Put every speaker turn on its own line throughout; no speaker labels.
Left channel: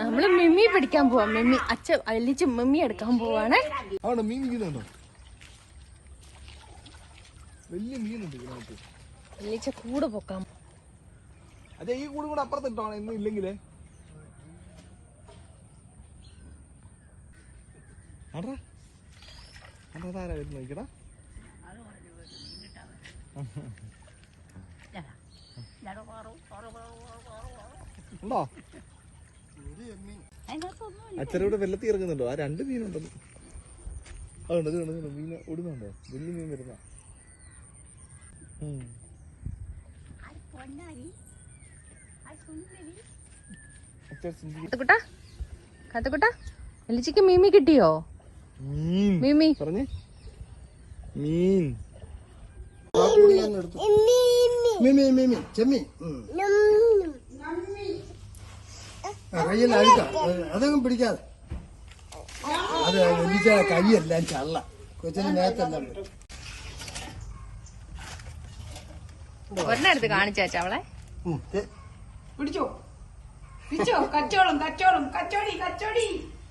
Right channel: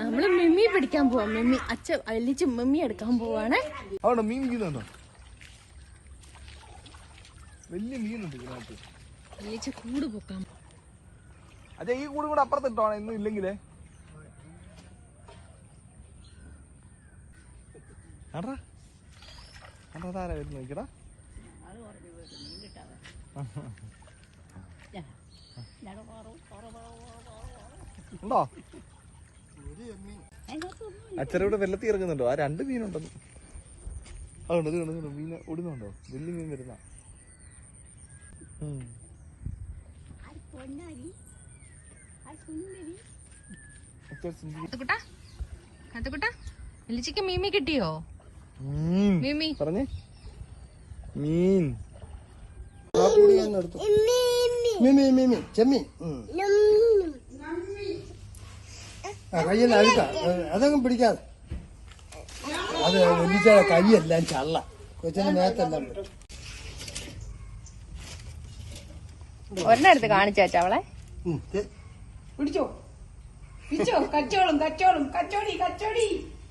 നമ്മള് മിമ്മി പിടിക്കാൻ പോവാ. മിമ്മി അച്ഛൻ അല്ലിച്ച് മിമ്മി എടുക്കാൻ പോവാണ്.
അവിടെ മീൻ വീണുണ്ടോ? വലിയ മീനുണ്ട് ഇതിനകത്ത്.
അല്ലിച്ച കൂടെ പൊക്കാം.
അതെ, ഈ കൂടെ കൂടെ അപ്പുറത്തിട്ടോ ഇന്നും ഇല്ലെങ്കിലേ. അതാരാ വരുന്ന നോക്കിടാ. ഉണ്ടോ? അച്ഛനൂടെ വെള്ളത്തിൽ ഇറങ്ങുന്നുണ്ടോ? ആ 2 മീനുണ്ടെന്ന്. അതുകൊണ്ട് ഇത് മീൻ ഓടുന്നുണ്ടോ? വലിയ മീൻ വരുന്ന.
കത്തുക്കുട്ടാ എലിച്ചിക്ക് മീമി കിട്ടിയോ? മീമി
പറഞ്ഞേ. മീൻ
ചെമ്മീൻ കയ്യിൽ അഴുക്ക അതങ്ങ് പിടിക്കാതെ. അത് വലിച്ച കൈയെല്ലാം ചള്ള. കൊച്ചിന് നേരത്തെല്ലാം
ഒരെണ്ണെടുത്ത് കാണിച്ചാ അവളെ.
പിടിച്ചോ പിടിച്ചോ. കച്ചോളം കച്ചോളം കച്ചോടി കച്ചോടി.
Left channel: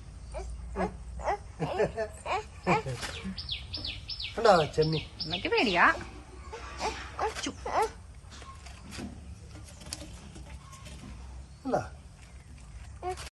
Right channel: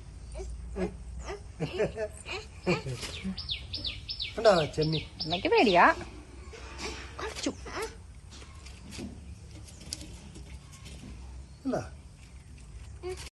കണ്ടാ ചെമ്മീൻ.
അമ്മയ്ക്ക് പേടിയാ.
കണ്ടാ